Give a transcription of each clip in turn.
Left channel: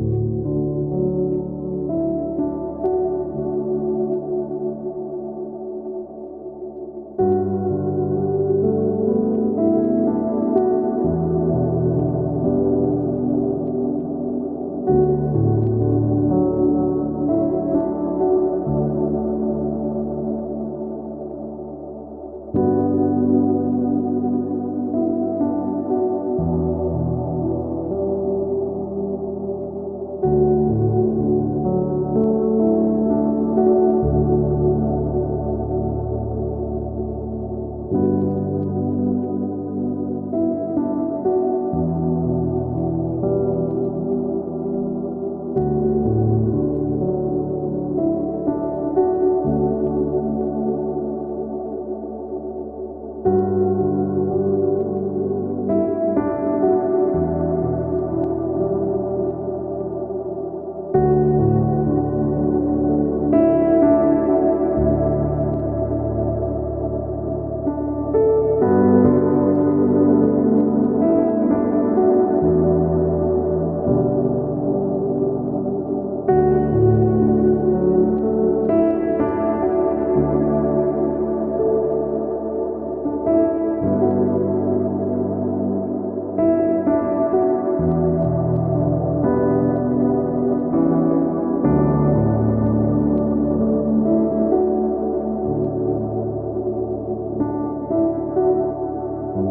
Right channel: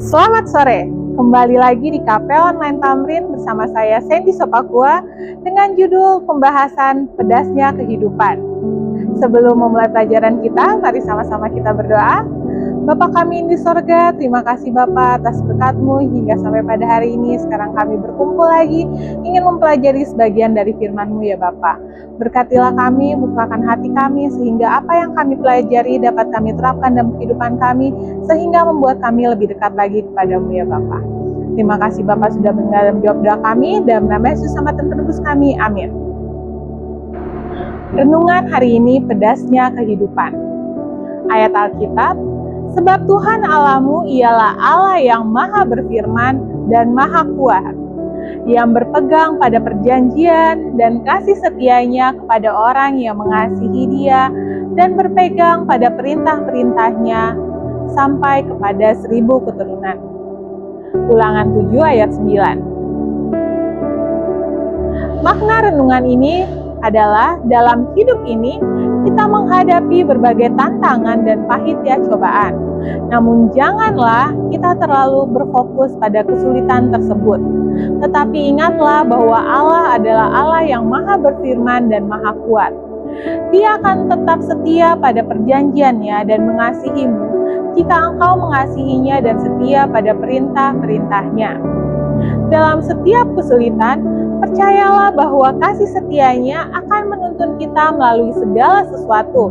Selamat sore, kembali lagi di KP Online Tamrin bersama saya Sandy Sopakua dengan judul pembahasan pedasnya kehidupan. Sebelum memulai pelajaran kita, mari sama-sama kita berdoa. Bapa kami di sorga, terima kasih Bapa atas berkat-Mu hingga sampai pada hari ini. Sekarang kami berkumpul lagi, ingin mempelajari sebagian dari firman-Mu ya Bapa. Berkatilah kami, bukakan hati kami, sehingga apa yang kami pelajari dapat kami terapkan dalam kehidupan kami, sehingga membuat kami lebih dekat lagi kepada-Mu ya Bapa. Terima kasih Bapa sudah mendengar jawab doa kami, dalam nama Yesus sama penebus kami, amin. Renungan hari ini pedasnya kehidupan. Ayat Alkitab, sebab Tuhan Allahmu ialah Allah yang maha berfirman dan maha kuat, yang berpegang pada perjanjian dan kasih setianya kepada orang yang mengasihi Dia dan berpegang pada perintah-perintahnya sampai kepada 1000 keturunan. Ulangan 7 ayat 9. Makna renungan ini adalah dalam hidup ini kita menghadapi berbagai tantangan dan pahitnya cobaan. Namun janganlah kita terlalu berfokus pada kesulitan tersebut. Tetapi ingatlah bahwa Allah adalah Allah yang maha berfirman dan maha kuat. Dia akan tetap setia pada perjanjiannya dan mengasihimu jika engkau mengasihinya dan setia pada perintah-perintahnya. Dalam setiap kesulitan, percayalah bahwa kasih setianya akan menuntun kita melalui segala sesuatu,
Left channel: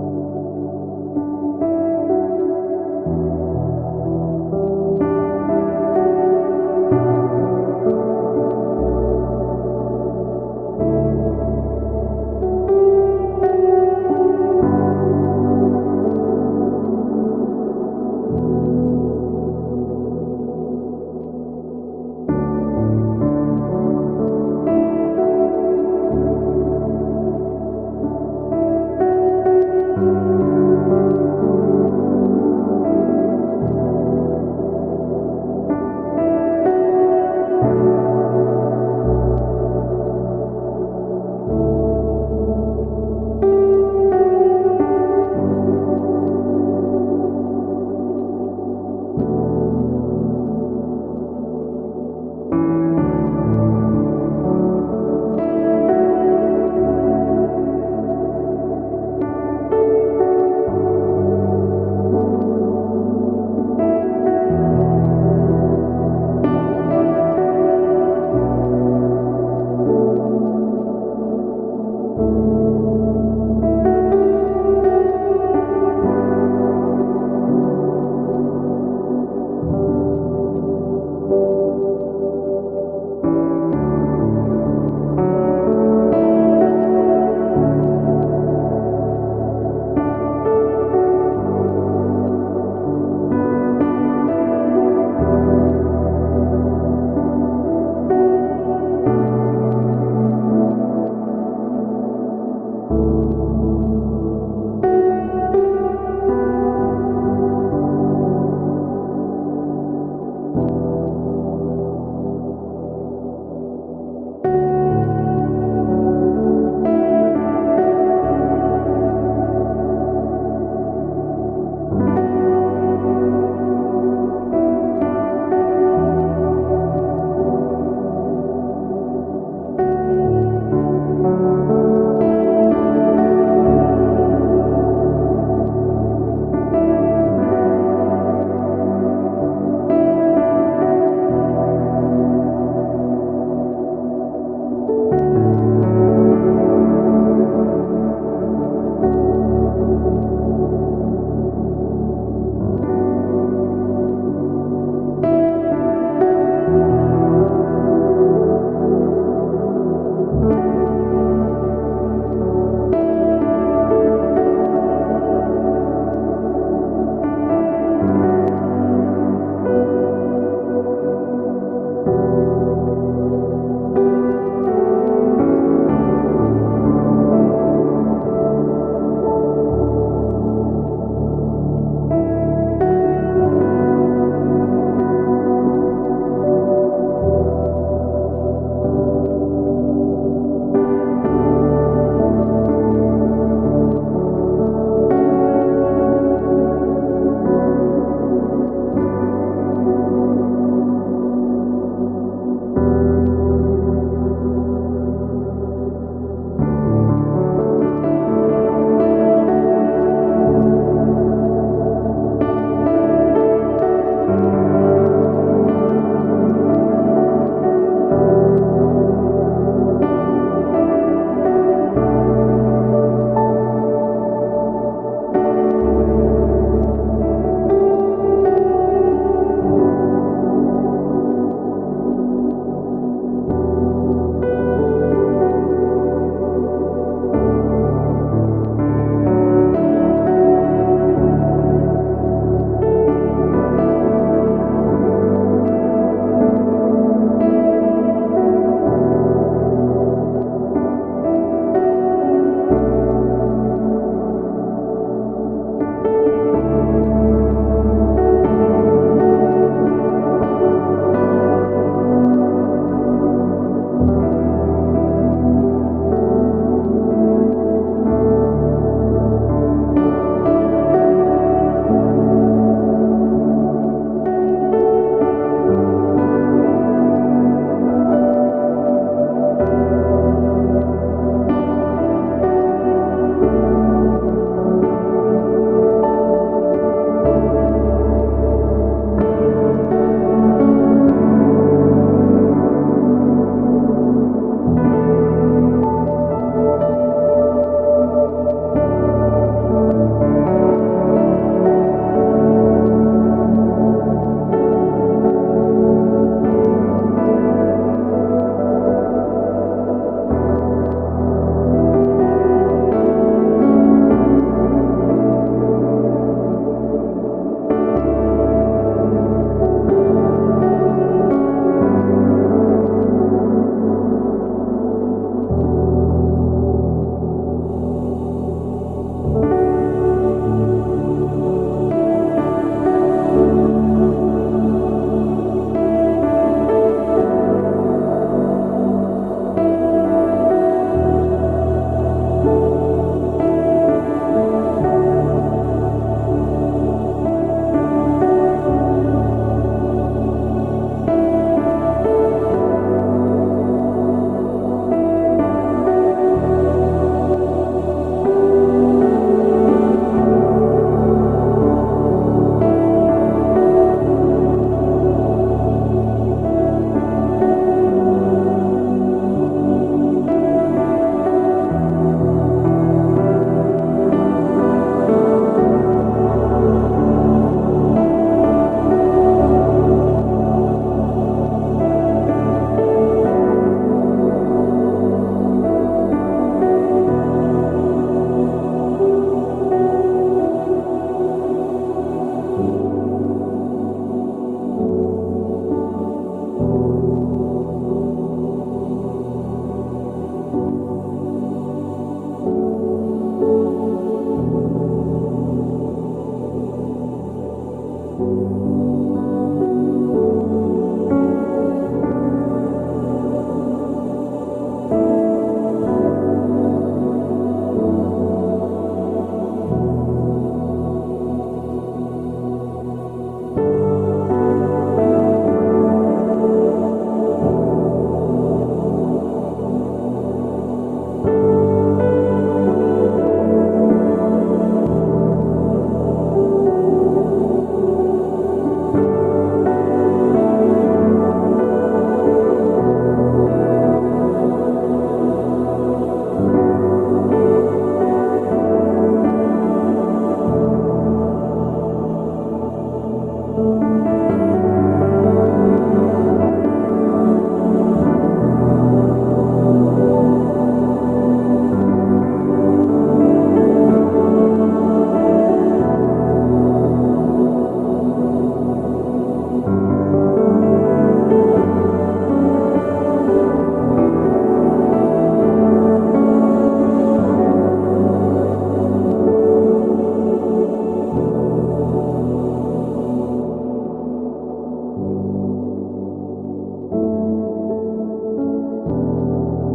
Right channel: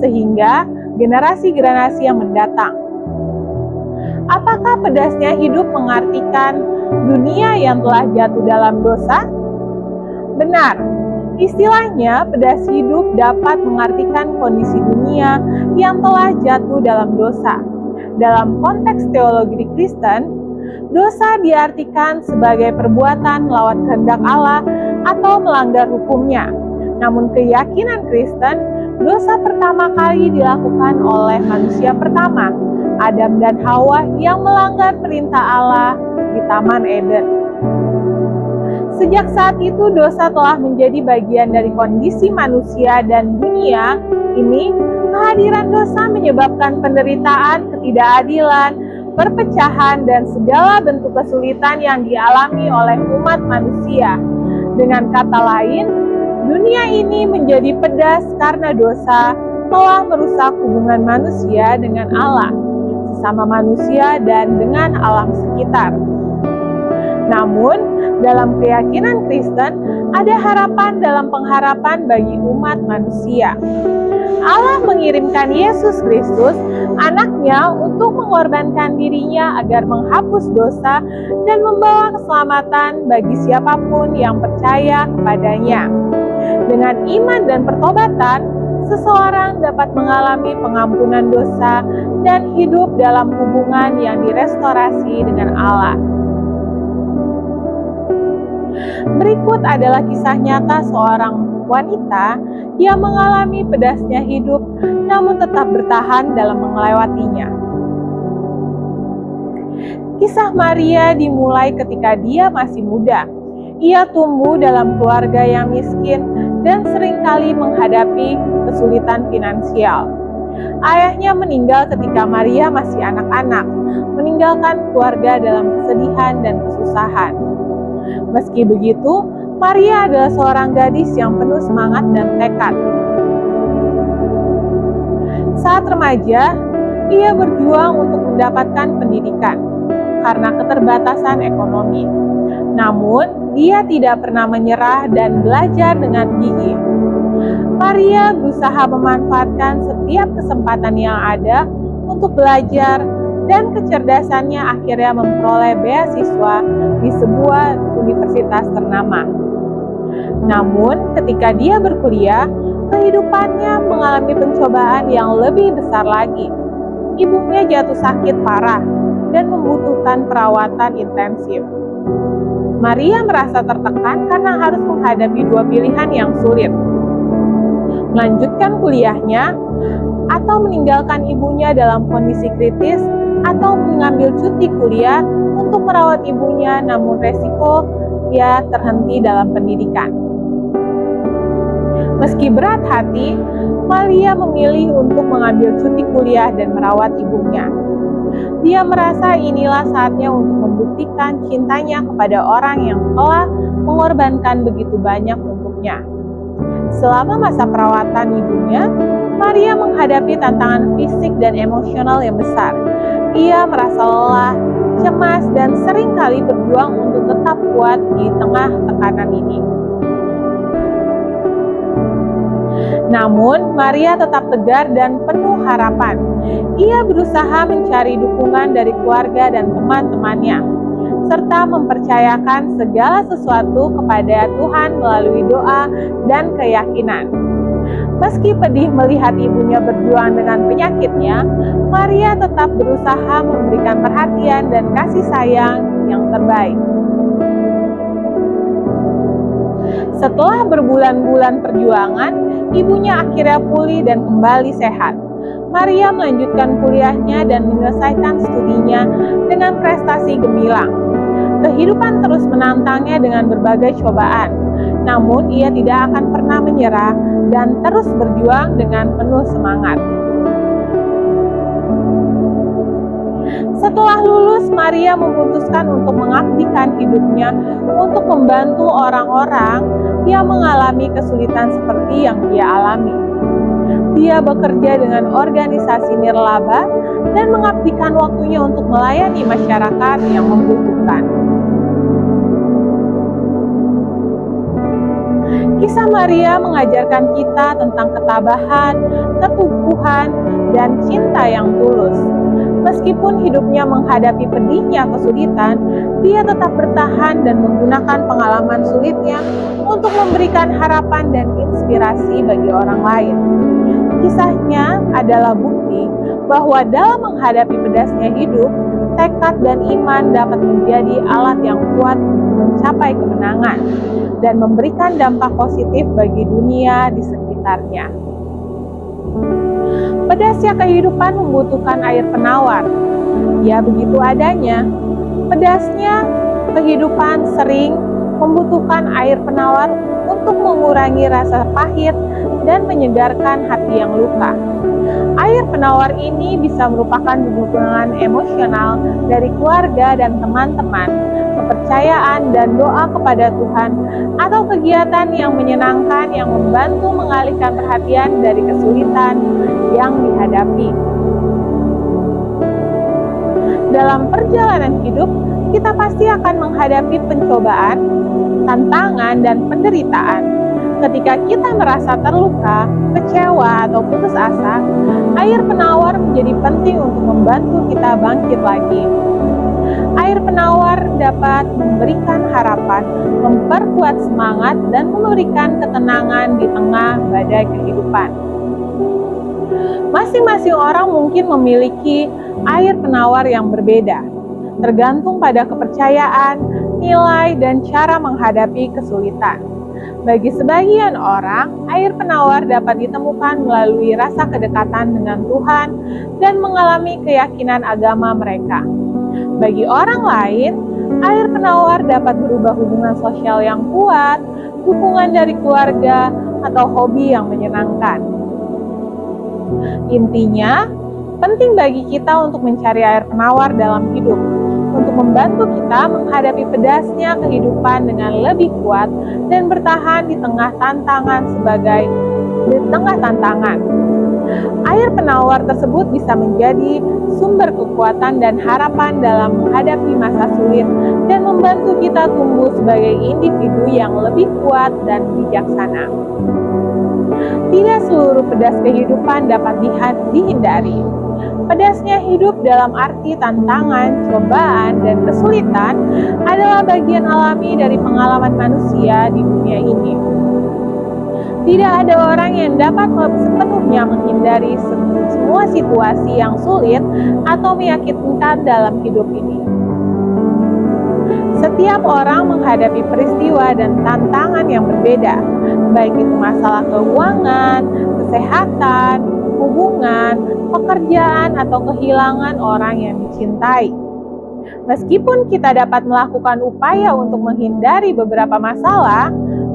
sehingga generasi-generasi yang mendatang. Apakah pedasnya hidup mengartikan dunia yang telah jatuh dalam dosa? Benar, istilahnya pedas hidup dapat mengartikan kondisi dunia yang telah jatuh dalam dosa. Dalam konteks teologi Kristen, dosa diartikan sebagai perbuatan melawan kehendak Allah atau melanggar hukumnya. Namun keyakinan Kristen, dosa pertama kali dilakukan oleh manusia pertama, Adam dan Hawa, yang melanggar perintah Allah di Taman Eden. Sejak saat itu dosa telah menjadi bagian dari kondisi manusia dan dunia ini. Kehadiran dosa menyebabkan penderitaan, ketidakadilan, perpecahan, dan segala bentuk kesulitan yang dialami oleh umat manusia. Dengan kata lain, dunia ini menjadi pedas karena dosa telah merusak hubungan manusia dengan Allah, sesama manusia, dan dengan alam sekitar. Namun, dalam keyakinan Kristen, ada harapan dalam pengharapan bagi umat manusia. Allah mengirimkan Yesus Kristus, anaknya, untuk mengorbankan dirinya agar menghapus dosa dan membawa keselamatan bagi siapapun yang percaya kepadanya. Dengan iman dan pertobatan, seseorang dapat mengalami pengampunan dosa dan hidup dalam hubungan yang direstorasi dengan Allah. Berikut adalah kisah nyata seorang wanita yang mengalami pedasnya hidup namun tetap bertahan dalam melewatinya. Kisah Maria dimulai ketika dia masih muda. Ia tumbuh dalam keluarga yang miskin dan seringkali menghadapi kesulitan finansial. Ayahnya meninggal ketika Maria masih anak-anak, meninggalkan keluarga dalam kesedihan dan kesusahan. Meski begitu, Maria adalah seorang gadis yang penuh semangat dan tekad. Saat remaja, ia berjuang untuk mendapatkan pendidikan karena keterbatasan ekonomi. Namun, dia tidak pernah menyerah dan belajar dengan gigih. Maria berusaha memanfaatkan setiap kesempatan yang ada untuk belajar, dan kecerdasannya akhirnya memperoleh beasiswa di sebuah universitas ternama. Namun, ketika dia berkuliah, kehidupannya mengalami pencobaan yang lebih besar lagi. Ibunya jatuh sakit parah dan membutuhkan perawatan intensif. Maria merasa tertekan karena harus menghadapi dua pilihan yang sulit: melanjutkan kuliahnya atau meninggalkan ibunya dalam kondisi kritis, atau mengambil cuti kuliah untuk merawat ibunya, namun resiko ia terhenti dalam pendidikan. Meski berat hati, Maria memilih untuk mengambil cuti kuliah dan merawat ibunya. Dia merasa inilah saatnya untuk membuktikan cintanya kepada orang yang telah mengorbankan begitu banyak untuknya. Selama masa perawatan hidupnya, Maria menghadapi tantangan fisik dan emosional yang besar. Ia merasa lelah, cemas, dan seringkali berjuang untuk tetap kuat di tengah tekanan ini. Namun, Maria tetap tegar dan penuh harapan. Ia berusaha mencari dukungan dari keluarga dan teman-temannya, serta mempercayakan segala sesuatu kepada Tuhan melalui doa dan keyakinan. Meski pedih melihat ibunya berjuang dengan penyakitnya, Maria tetap berusaha memberikan perhatian dan kasih sayang yang terbaik. Setelah berbulan-bulan perjuangan, ibunya akhirnya pulih dan kembali sehat. Maria melanjutkan kuliahnya dan menyelesaikan studinya dengan prestasi gemilang. Kehidupan terus menantangnya dengan berbagai cobaan, namun ia tidak akan pernah menyerah dan terus berjuang dengan penuh semangat. Setelah lulus, Maria memutuskan untuk mengabdikan hidupnya untuk membantu orang-orang yang mengalami kesulitan seperti yang dia alami. Dia bekerja dengan organisasi nirlaba dan mengabdikan waktunya untuk melayani masyarakat yang membutuhkan. Kisah Maria mengajarkan kita tentang ketabahan, keteguhan, dan cinta yang tulus. Meskipun hidupnya menghadapi pedihnya kesulitan, dia tetap bertahan dan menggunakan pengalaman sulitnya untuk memberikan harapan dan inspirasi bagi orang lain. Kisahnya adalah bukti bahwa dalam menghadapi pedasnya hidup, tekad dan iman dapat menjadi alat yang kuat untuk mencapai kemenangan dan memberikan dampak positif bagi dunia di sekitarnya. Pedasnya kehidupan membutuhkan air penawar. Ya, begitu adanya. Pedasnya kehidupan sering membutuhkan air penawar untuk mengurangi rasa pahit dan menyegarkan hati yang luka. Air penawar ini bisa merupakan dukungan emosional dari keluarga dan teman-teman, kepercayaan dan doa kepada Tuhan, atau kegiatan yang menyenangkan yang membantu mengalihkan perhatian dari kesulitan yang dihadapi. Dalam perjalanan hidup, kita pasti akan menghadapi pencobaan, tantangan, dan penderitaan. Ketika kita merasa terluka, kecewa, atau putus asa, air penawar menjadi penting untuk membantu kita bangkit lagi. Air penawar dapat memberikan harapan, memperkuat semangat, dan memberikan ketenangan di tengah badai kehidupan. Masing-masing orang mungkin memiliki air penawar yang berbeda, tergantung pada kepercayaan, nilai, dan cara menghadapi kesulitan. Bagi sebagian orang, air penawar dapat ditemukan melalui rasa kedekatan dengan Tuhan dan mengalami keyakinan agama mereka. Bagi orang lain, air penawar dapat berubah hubungan sosial yang kuat, dukungan dari keluarga, atau hobi yang menyenangkan. Intinya, penting bagi kita untuk mencari air penawar dalam hidup, untuk membantu kita menghadapi pedasnya kehidupan dengan lebih kuat dan bertahan di tengah tantangan. Air penawar tersebut bisa menjadi sumber kekuatan dan harapan dalam menghadapi masa sulit dan membantu kita tumbuh sebagai individu yang lebih kuat dan bijaksana. Tidak seluruh pedas kehidupan dapat dihindari. Pedasnya hidup dalam arti tantangan, cobaan, dan kesulitan adalah bagian alami dari pengalaman manusia di dunia ini. Tidak ada orang yang dapat sepenuhnya menghindari semua situasi yang sulit atau menyakitkan dalam hidup ini. Setiap orang menghadapi peristiwa dan tantangan yang berbeda, baik itu masalah keuangan, kesehatan, hubungan, pekerjaan, atau kehilangan orang yang dicintai. Meskipun kita dapat melakukan upaya untuk menghindari beberapa masalah,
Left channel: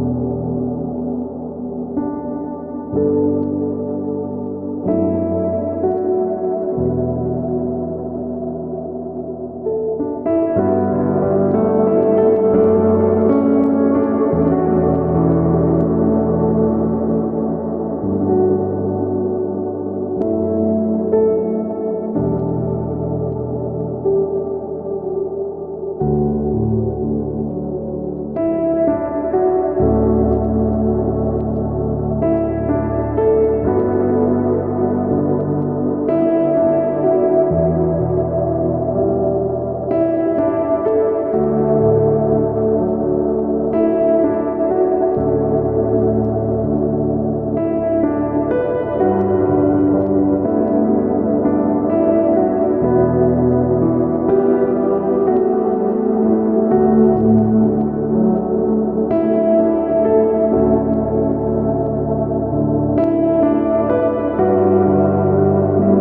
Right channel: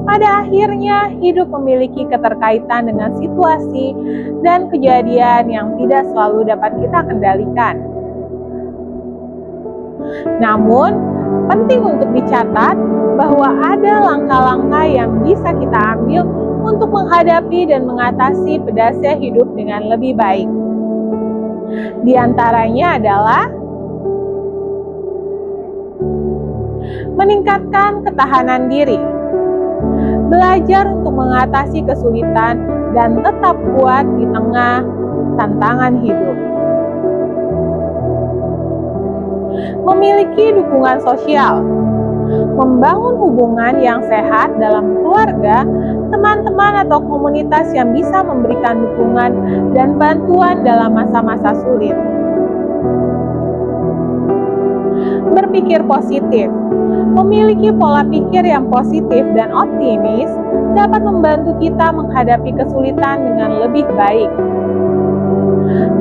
pada akhirnya hidup memiliki keterkaitan dengan situasi dan kejadian yang tidak selalu dapat kita kendalikan. Namun, penting untuk dicatat bahwa ada langkah-langkah yang bisa kita ambil untuk menghadapi dan mengatasi pedasnya hidup dengan lebih baik. Di antaranya adalah meningkatkan ketahanan diri, belajar untuk mengatasi kesulitan dan tetap kuat di tengah tantangan hidup. Memiliki dukungan sosial, membangun hubungan yang sehat dalam keluarga, teman-teman atau komunitas yang bisa memberikan dukungan dan bantuan dalam masa-masa sulit. Berpikir positif, memiliki pola pikir yang positif dan optimis dapat membantu kita menghadapi kesulitan dengan lebih baik.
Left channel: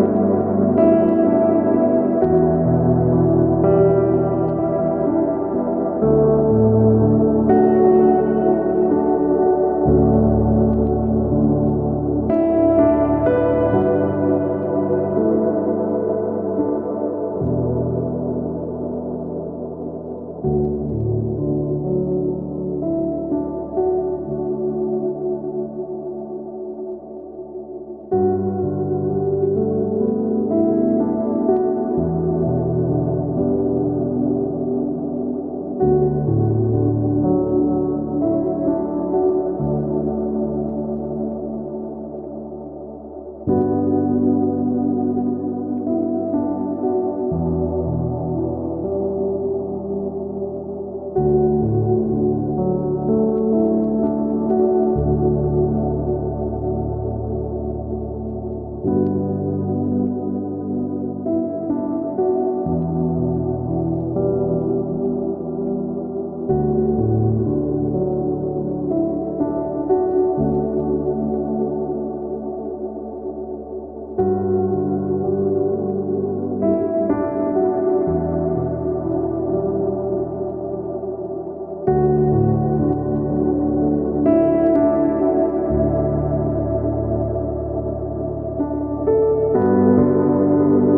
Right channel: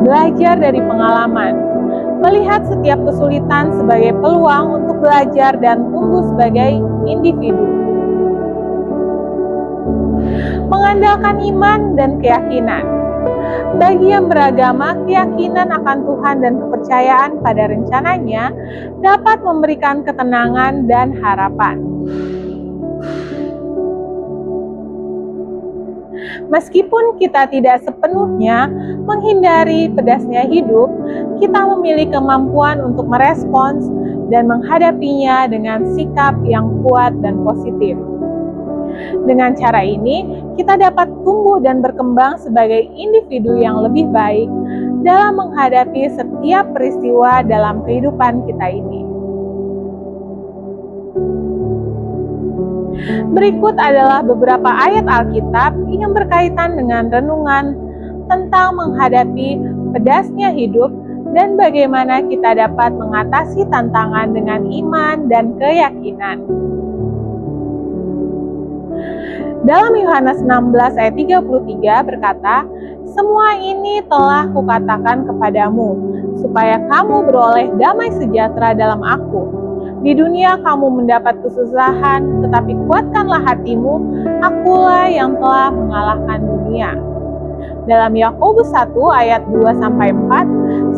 Belajar dari pengalaman, melihat setiap kesulitan sebagai peluang untuk belajar dan tumbuh sebagai individu. Mengandalkan iman dan keyakinan. Bagi yang beragama, keyakinan akan Tuhan dan kepercayaan pada rencananya dapat memberikan ketenangan dan harapan. Meskipun kita tidak sepenuhnya menghindari pedasnya hidup, kita memiliki kemampuan untuk merespons dan menghadapinya dengan sikap yang kuat dan positif. Dengan cara ini, kita dapat tumbuh dan berkembang sebagai individu yang lebih baik dalam menghadapi setiap peristiwa dalam kehidupan kita ini. Berikut adalah beberapa ayat Alkitab yang berkaitan dengan renungan tentang menghadapi pedasnya hidup dan bagaimana kita dapat mengatasi tantangan dengan iman dan keyakinan. Dalam Yohanes 16 ayat 33 berkata, "Semua ini telah kukatakan kepadamu, supaya kamu beroleh damai sejahtera dalam aku. Di dunia kamu mendapat kesusahan, tetapi kuatkanlah hatimu, akulah yang telah mengalahkan dunia." Dalam Yakobus 1 ayat 2-4,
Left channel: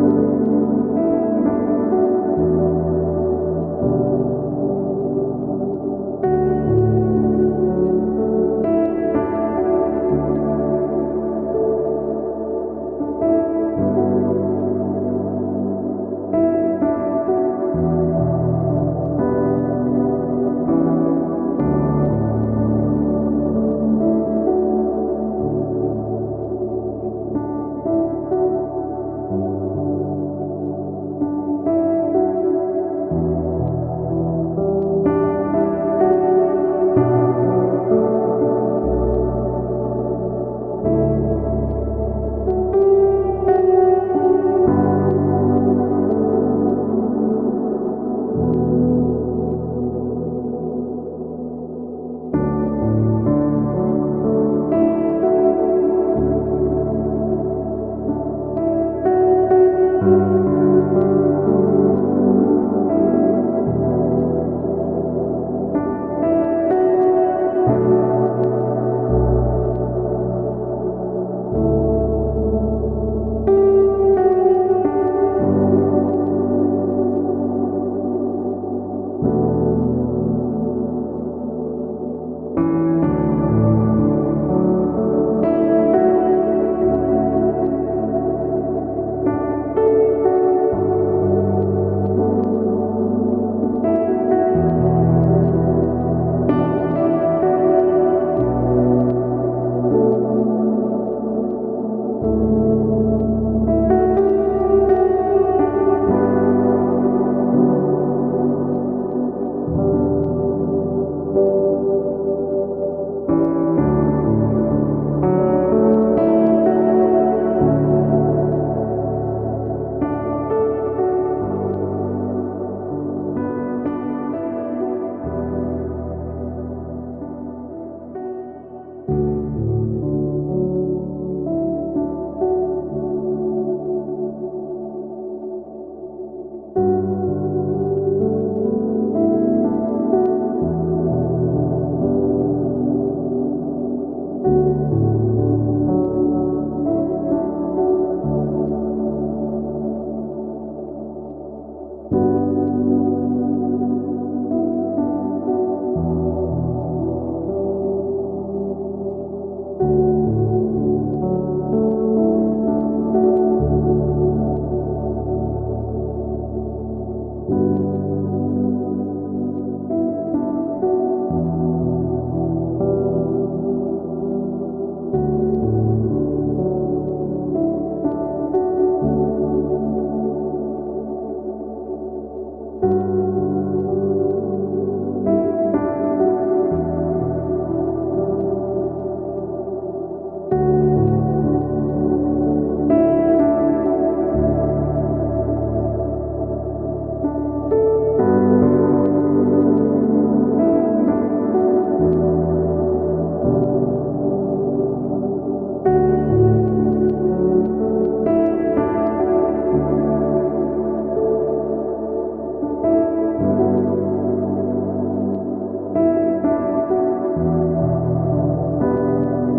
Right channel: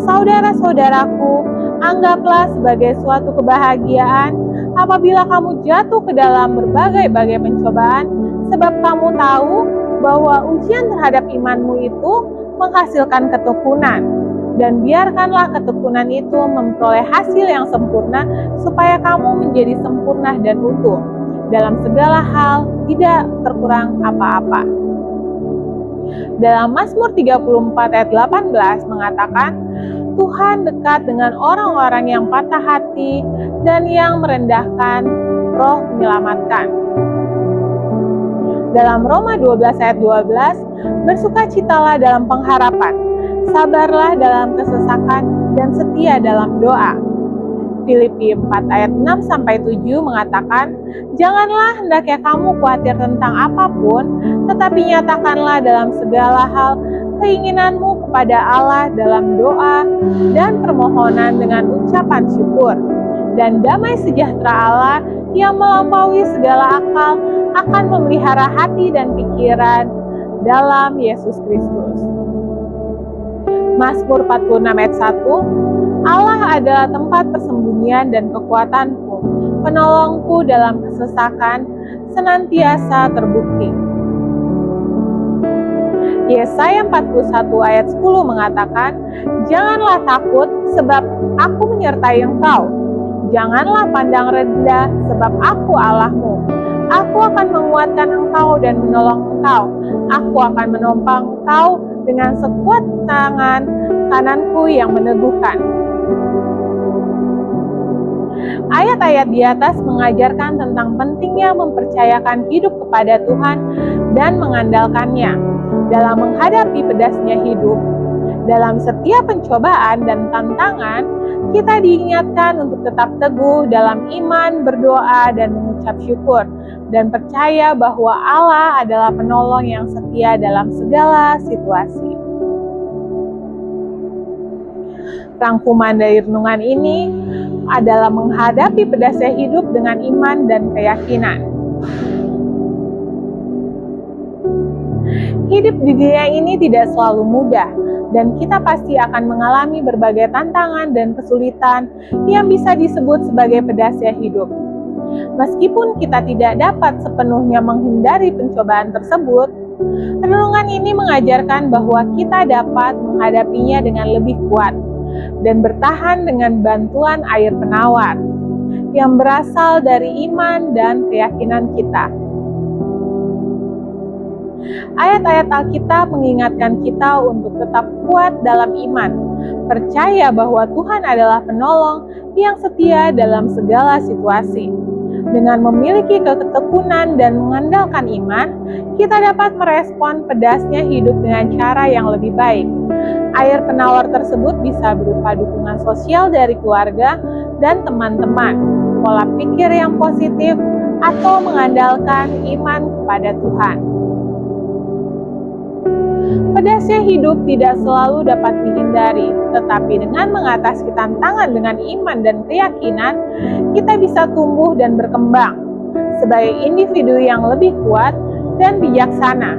"Saudara-saudaraku, anggaplah sebagai suatu kebahagiaan apabila kamu jatuh ke dalam berbagai-bagai pencobaan, sebab kamu tahu bahwa ujian terhadap imanmu itu menghasilkan ketekunan. Dan biarkanlah ketekunan itu memperoleh hasil yang sempurna, supaya kamu menjadi sempurna dan utuh, dalam segala hal tidak terkurang apa-apa." Dalam Mazmur 34 ayat 18 mengatakan, "Tuhan dekat dengan orang-orang yang patah hati dan yang merendahkan, Roh menyelamatkan." Dalam Roma 12 ayat 12, "Bersukacitalah dalam pengharapan, sabarlah dalam kesesakan, dan setia dalam doa." Filipi 4 ayat 6-7 mengatakan, "Janganlah hendaknya kamu khawatir tentang apapun, tetapi nyatakanlah dalam segala hal keinginanmu kepada Allah dalam doa dan permohonan dengan ucapan syukur. Dan damai sejahtera Allah yang melampaui segala akal akan memelihara hati dan pikiran dalam Yesus Kristus." Mazmur 46 ayat 1, "Allah adalah tempat persembunyian dan kekuatanku, penolongku dalam kesesakan, senantiasa terbukti." Yesaya 41 ayat 10 mengatakan, "Janganlah takut, sebab aku menyertai engkau. Janganlah pandang rendah, sebab aku Allahmu. Aku akan menguatkan engkau dan menolong engkau. Aku akan menopang engkau dengan sekuat tangan kananku yang meneguhkan." Ayat-ayat di atas mengajarkan tentang pentingnya mempercayakan hidup kepada Tuhan dan mengandalkannya dalam menghadapi pedasnya hidup. Dalam setiap pencobaan dan tantangan, kita diingatkan untuk tetap teguh dalam iman, berdoa, dan mengucap syukur, dan percaya bahwa Allah adalah penolong yang setia dalam segala situasi. Rangkuman dari renungan ini adalah menghadapi pedasnya hidup dengan iman dan keyakinan. Hidup di dunia ini tidak selalu mudah, dan kita pasti akan mengalami berbagai tantangan dan kesulitan yang bisa disebut sebagai pedasnya hidup. Meskipun kita tidak dapat sepenuhnya menghindari pencobaan tersebut, renungan ini mengajarkan bahwa kita dapat menghadapinya dengan lebih kuat dan bertahan dengan bantuan air penawar yang berasal dari iman dan keyakinan kita. Ayat-ayat Alkitab mengingatkan kita untuk tetap kuat dalam iman, percaya bahwa Tuhan adalah penolong yang setia dalam segala situasi. Dengan memiliki ketekunan dan mengandalkan iman, kita dapat merespon pedasnya hidup dengan cara yang lebih baik. Air penawar tersebut bisa berupa dukungan sosial dari keluarga dan teman-teman, pola pikir yang positif, atau mengandalkan iman kepada Tuhan. Pedasnya hidup tidak selalu dapat dihindari, tetapi dengan mengatasi tantangan dengan iman dan keyakinan, kita bisa tumbuh dan berkembang sebagai individu yang lebih kuat dan bijaksana.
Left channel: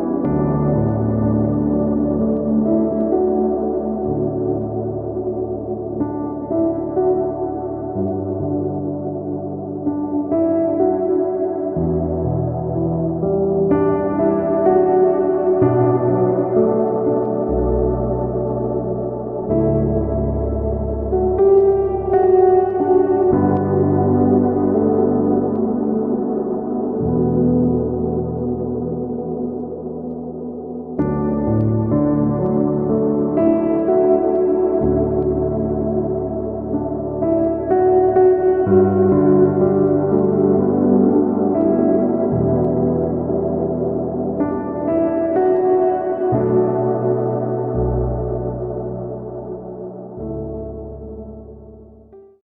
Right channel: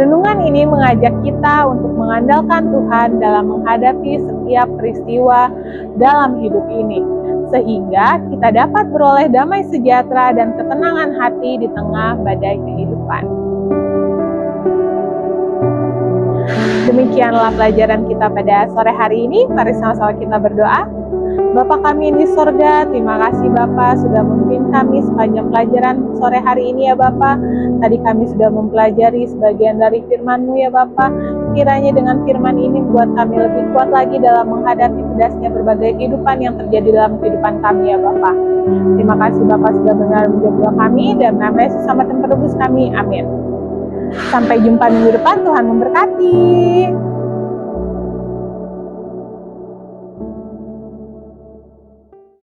Renungan ini mengajak kita untuk mengandalkan Tuhan dalam menghadapi setiap peristiwa dalam hidup ini, sehingga kita dapat beroleh damai sejahtera dan ketenangan hati di tengah badai kehidupan. Demikianlah pelajaran kita pada sore hari ini. Mari sama-sama kita berdoa. Bapa kami di sorga, terima kasih Bapa sudah memimpin kami sepanjang pelajaran sore hari ini ya Bapa. Tadi kami sudah mempelajari sebagian dari firman-Mu ya Bapa. Kiranya dengan firman ini membuat kami lebih kuat lagi dalam menghadapi pedasnya berbagai kehidupan yang terjadi dalam kehidupan kami ya Bapa. Terima kasih Bapa sudah benar menjawab doa kami, dan nama Yesus Selamat dan Penebus kami. Amin. Sampai jumpa minggu depan, Tuhan memberkati.